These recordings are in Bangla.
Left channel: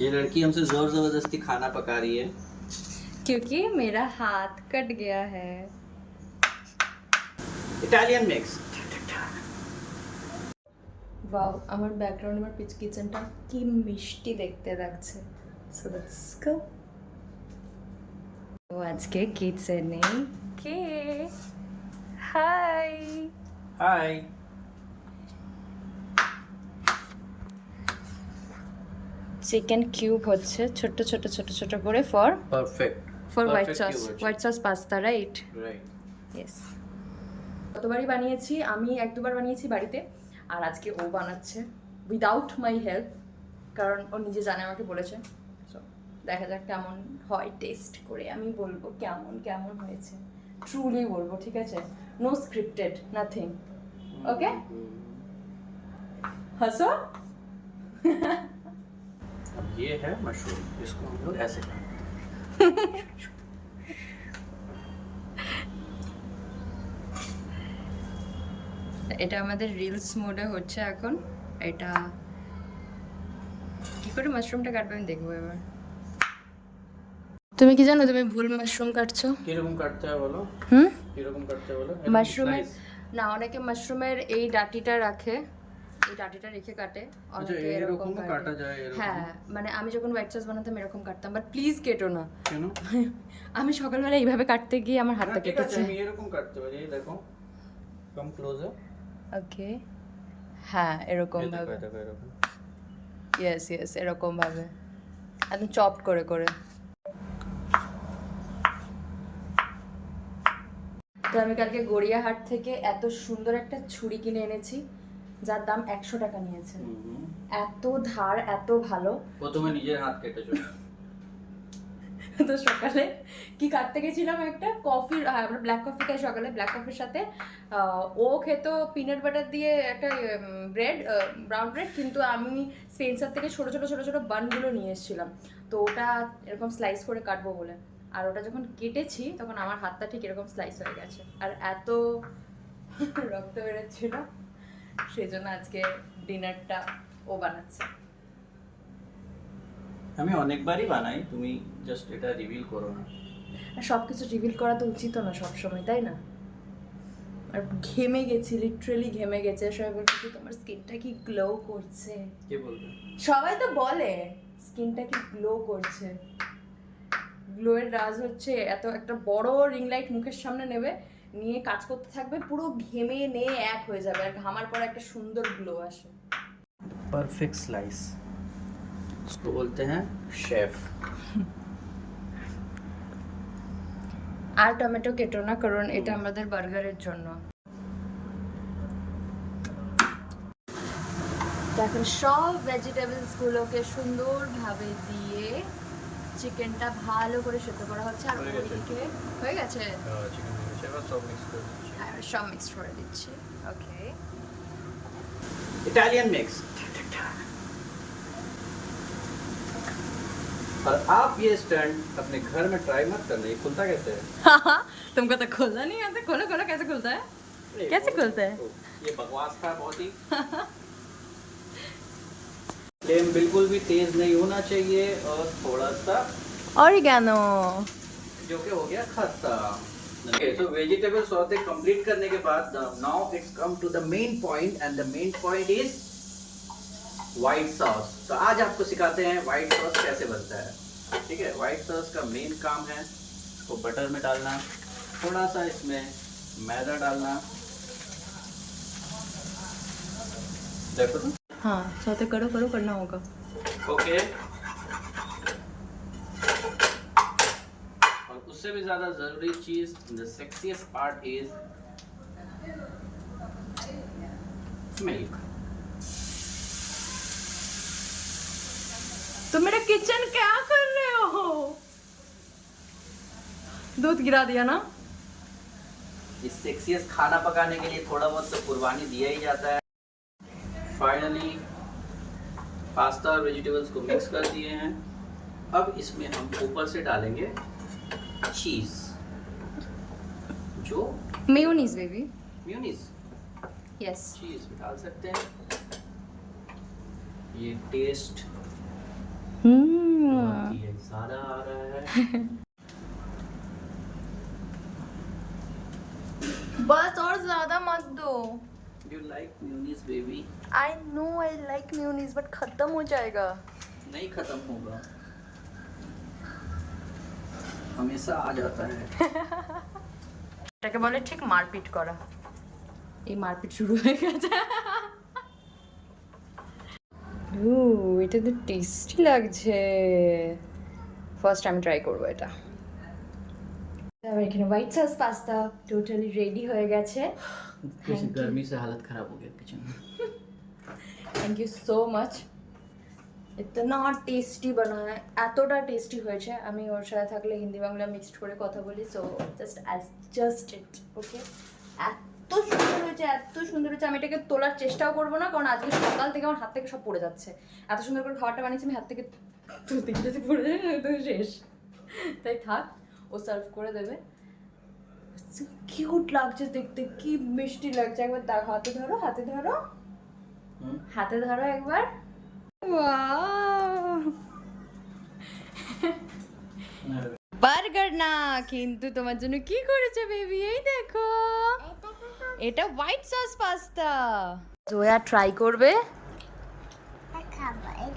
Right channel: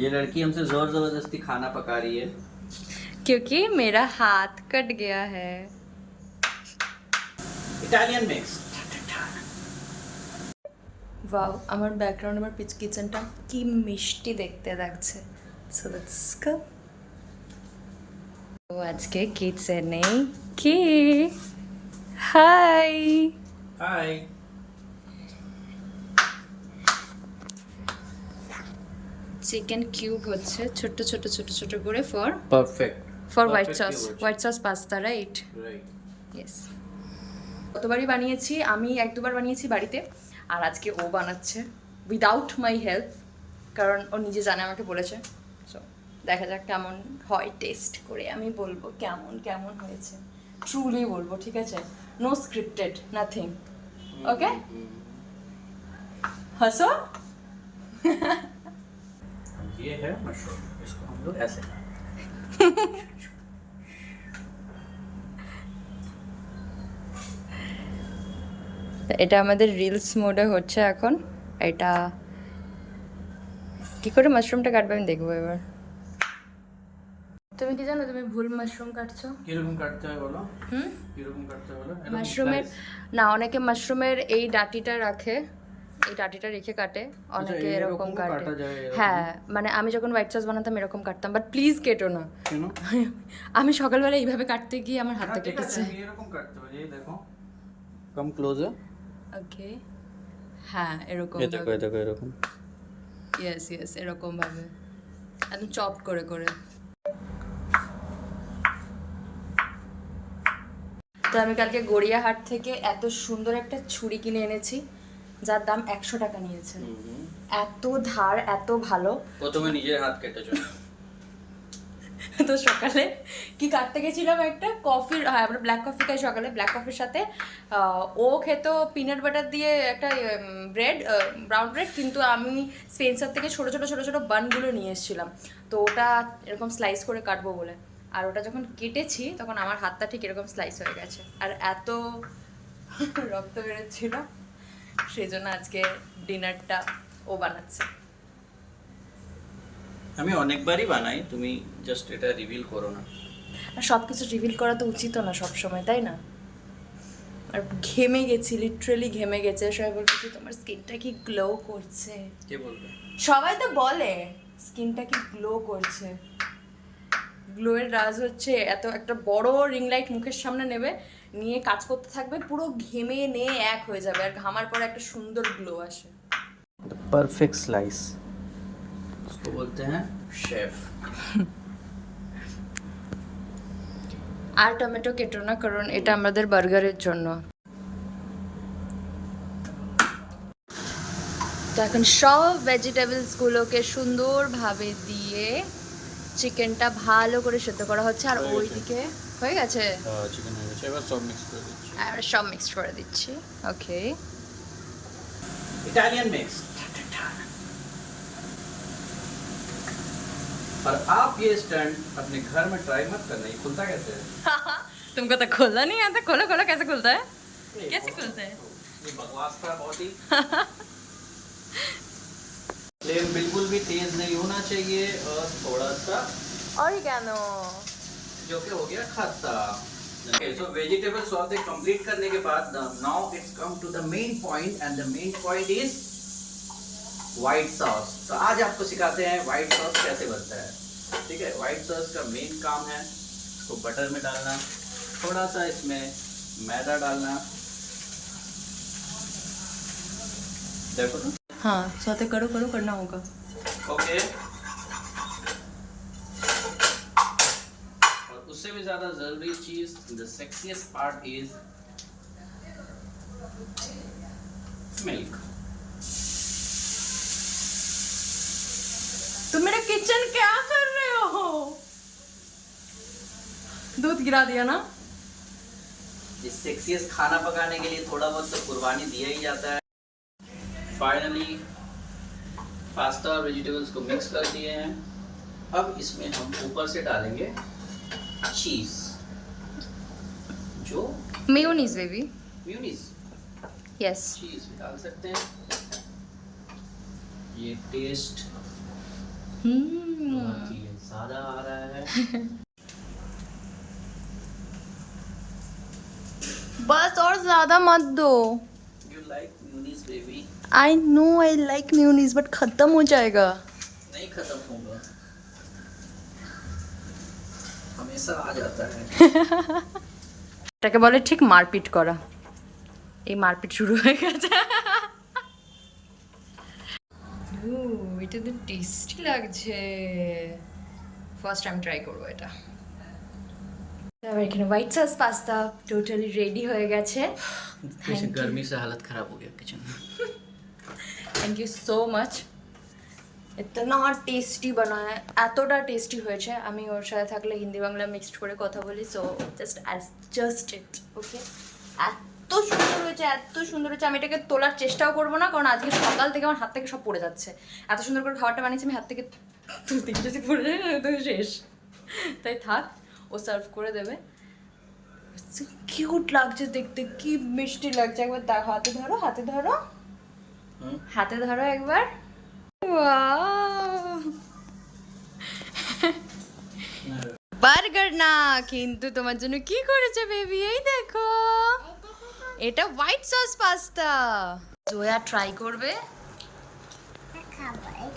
ये लड़की हमसे जोर जबरदस्ती खाना पका रही है क्योंकि मेरा हाथ कट गया है इटालियन मिक्स ওয়াও আমার ব্যাকগ্রাউন্ড আমার পিচ কিচেনটা কি মিষ্টি দেখতে লাগছে সো দ্যাটস গো ও আজকে কিচেনে কি হাই हाय চিকেন কিউব হচ্ছে ছোট ছোট ছোট ছোট করে for perfect for white sauce white sauce pasta right right yes কতবারই বানিয়েছি আমি এক দুবার বানিয়েছি বাড়িতে আর আজকে ও বানাচ্ছে উইদাউট মাই হেল্প কারণ ও নিজে জানে আমাকে বলেছে। সো দেখা যাক কেমন হয় টেস্ট করে আমি বলব কেমন কেমন হয়েছে। ট্রুলি বলব ঠিক আছে? নো স্ক্রিপ্টেড নাথিং ওকে হাসো ये है मशरूम इसको हम लोग ऐसे खाएंगे এটা আমাদের রিলস মোডে হচ্ছে এখন এটা কি করে মাশরুমটা কাটবে আমি দেখবো এবার তুমি কি জানো তুমি ভুল মাশরুম কাটছো কিরকম কাটতে হয় বলো হুম কিরকম কাটতে বলো মাশরুমের না অনেকে মাশরুমের এই ডাটিটা রাখে এই ডাটিটা রেখে কাটে অনেকে এরকম কাটা। কাটে যায় হ্যাঁ মানে আমি যখন হোয়াইট সস বানাতাম এরকম কাটতাম বাট প্লিজ কেটো না। কেন? আমি সকালবেলা এইভাবে কাটতে গিয়ে আমার হাতটা কেটেছে। আমি এরকম কাটতে পারি এই দেখো। Come closer okay. হ্যাঁ এরকম দেখো দেখো এরকম। ইয়েস ইয়েস এরকম ভাবে। একদম চপ করে করে। তো আমি কালকে গড়িয়াহাট থেকে এত সুন্দর একটা ছুরি কিনে এনেছি। যার দাম একশো টাকা নিয়েছে। এত ধার এত ভালো। প্রথমে নিজের হাত কেটেছো তো সকালে কি কাটতে গেছিলাম একটা? কফির হ্যাঁ আমরা ব্ল্যাক কফি খাই সকালে। ব্ল্যাক কফির সাথে ও খেত পিনাট বাটার দিয়ে একটা ব্রেড ব্রাউন ব্রেড কিন্তু আমি স্পেন্সার থেকে ছোট ছোট ছোট ছোট বানগুলো নিয়ে এসেছিলাম। তো ওটা এরকম স্লাইস করে কাটবো বলে। আর ওটা যখন কেটেছি তখন আমার হাতটা ঠিক এরকম স্লাইস হয়ে গেছে। আর এত রক্ত বেরোচ্ছিল। সেই জন্য আজকে ডিনারটা ও বানাচ্ছে। আমি অনেকবারই বানাই তুমি জাস্ট এটা রিভিল করো না। সব কিছু রিভিল করা তো উচিত না সব সময় তাই না? আর ঘেমে গেছি লিটারেলি ঘেমে গেছে সবাই বলছে কি তোমার স্কিনটা কি গ্লো করছে। কে বলবে? সবাই তো বলে স্কিনটা কি গ্লো করছে। গ্লোয়ের রাজ হচ্ছে এত একটা বড় রিং লাইট মুখের সামনে নেবে নিয়ে কাজ করতে থাকবে পুরো ঘেমে নিয়ে এক হয়ে যাবে আর ঘামার পরে একটা সুন্দর গ্লো আসে परफेक्ट स्लाइस उसको बोलते हैं शेफ আর টমেটো কেটো না কারণ এটা আমাদের বার্গারের জন্য তো এখন সব ভেজিটেবলসগুলোকে সুন্দরভাবে দিয়ে চিকেনটা ভালো করে সেদ্ধ করা হচ্ছে আর হয়ে গেছে। ওইদিকে হয়ে গেছে চিকেন হয়ে গেছে এবার সব মিক্স করে দিচ্ছি আমরা সব মিক্স করে দিচ্ছি ওকে इटालियन मिक्स और आप ये स्टंट अपने घर में ट्राई मत करना ये खुलता कैसे है तुमको तो खोलना नहीं आता खोलो खोलो कैसे खुलता है ये कैसे बहुत- खुलता है? तो ये बकवास था बहुत ही फ्लेम बिल्कुल भी तेज नहीं होना चाहिए और थोड़ा सा और गानो जो कि हो गया खत्ता वेजिटेबल सॉते कंप्लीट करने के बाद now it's come to the main point and the main point is white sauce तो आज आपको सिखाते हैं व्हाइट सॉस कैसे बनता है। ठीक है व्हाइट सॉस का मेन काम है इसको बटर में डालना थोड़ा सा इसमें मैदा डालना। देखो तो। हाँ सौते करो करो करना होगा। ओके। और उससे भी ज़्यादा ज़रूरी चीज़ the sexiest part is milk तुम मेरा किचन क्या कर रहे हो? दूध गिरा दिया ना? इस सेक्सीएस्ट खाना पकाने के लिए थोड़ा बहुत तो कुर्बानी दिया ही जाता है। फाइनली पास्ता और वेजिटेबल्स को मिक्स कर दिए हैं। अब इसमें हम ऊपर से डालेंगे चीज़ जो mayonnaise baby mayonnaise yes cheese डाल सकते हैं। ये टेस्ट হুম चीज़ें ज़्यादा आ रहा है। बस और ज़्यादा मत दो। You like mayonnaise baby I know I like mayonnaise but खत्म हो जाएगा नहीं खत्म होगा हमेशा आ जाता है এটাকে বলে ঠিক মারপিট করা এই মারপিট শুরু হয়ে গেছে ও এটা তো টেস্টি লাগছে ফার্স্ট আমি ট্রাই করবো এটা তারপর এখানে white sauce pasta totally ready হয়ে গেছে जैसे गर्मी से हालत खराब हो गया किचन में থ্যাংক ইউ সো মাচ এতনা টেস্টি বানায় এতটা টেস্টি হয়েছে আমি ওর সাথে থাকলে হিন্দি বাংলা মিক্সড করে কথা বলি so just as just eat okay এত সুন্দর হয়েছে এত সুন্দর হয়েছে আমি এটাকে তোলার চেষ্টাও করব না কারণ আজকে সকাল থেকে আমার হাত থেকে সব পড়ে যাচ্ছে এত সুন্দর করে খাবারটা বানিয়েছি আমি হাত থেকে তুলতে যদি পড়ে যায় তো শেষ তাই থাক, ও সার্ভ করে দেবে। কিউট লাগছে দেখতে, কি মিষ্টি লাগছে। একবার দেখো, হাতে ধরো হাতে ধরো। হাতে ধরো একবার। বার্গার না, কিন্তু তোমার জন্য কি করেছে বেবি এই দেখো। এটা white sauce pasta Zoya try করবে।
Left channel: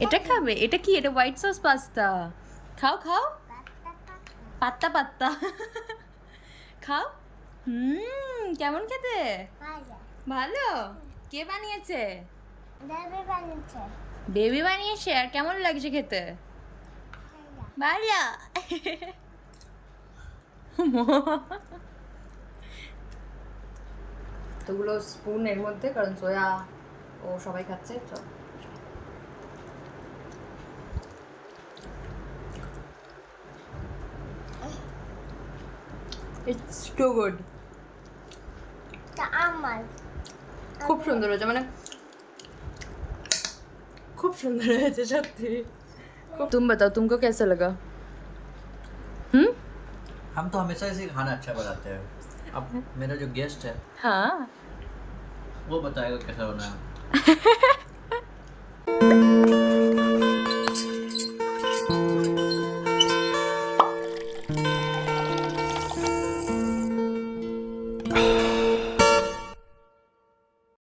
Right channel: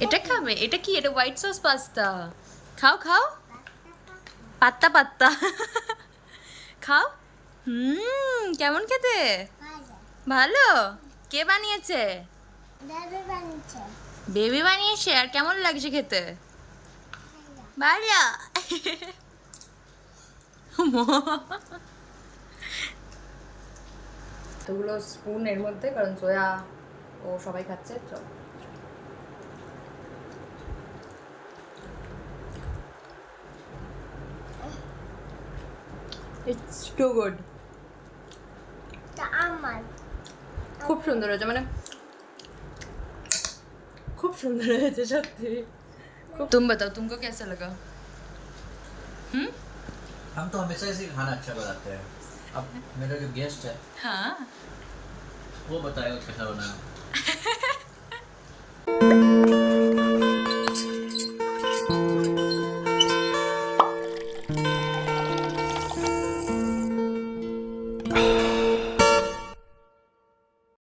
এটা খাবে? এটা কি? এটা হোয়াইট সস পাস্তা খাও খাও। পাত্তা পাত্তা। খাও। হুম, কেমন খেতে? ভালো। কে বানিয়েছে? বেবি বানিয়েছে। আর কেমন লাগছে খেতে? ভালো। তোগুলো স্পুন এর মধ্যে কারণ সোয়া ও সবাই খাচ্ছে চল। ইটস টু গুড খুব সুন্দর হয়েছে মানে खूप सुंदर है जजब ते तुम बताओ तुमको कैसा लगा? हम हम तो हमेशा ऐसे खाना अच्छा बनाते हैं। अब मेरा जो गेस्ट है हाँ। वो बताएगा कैसा बनाया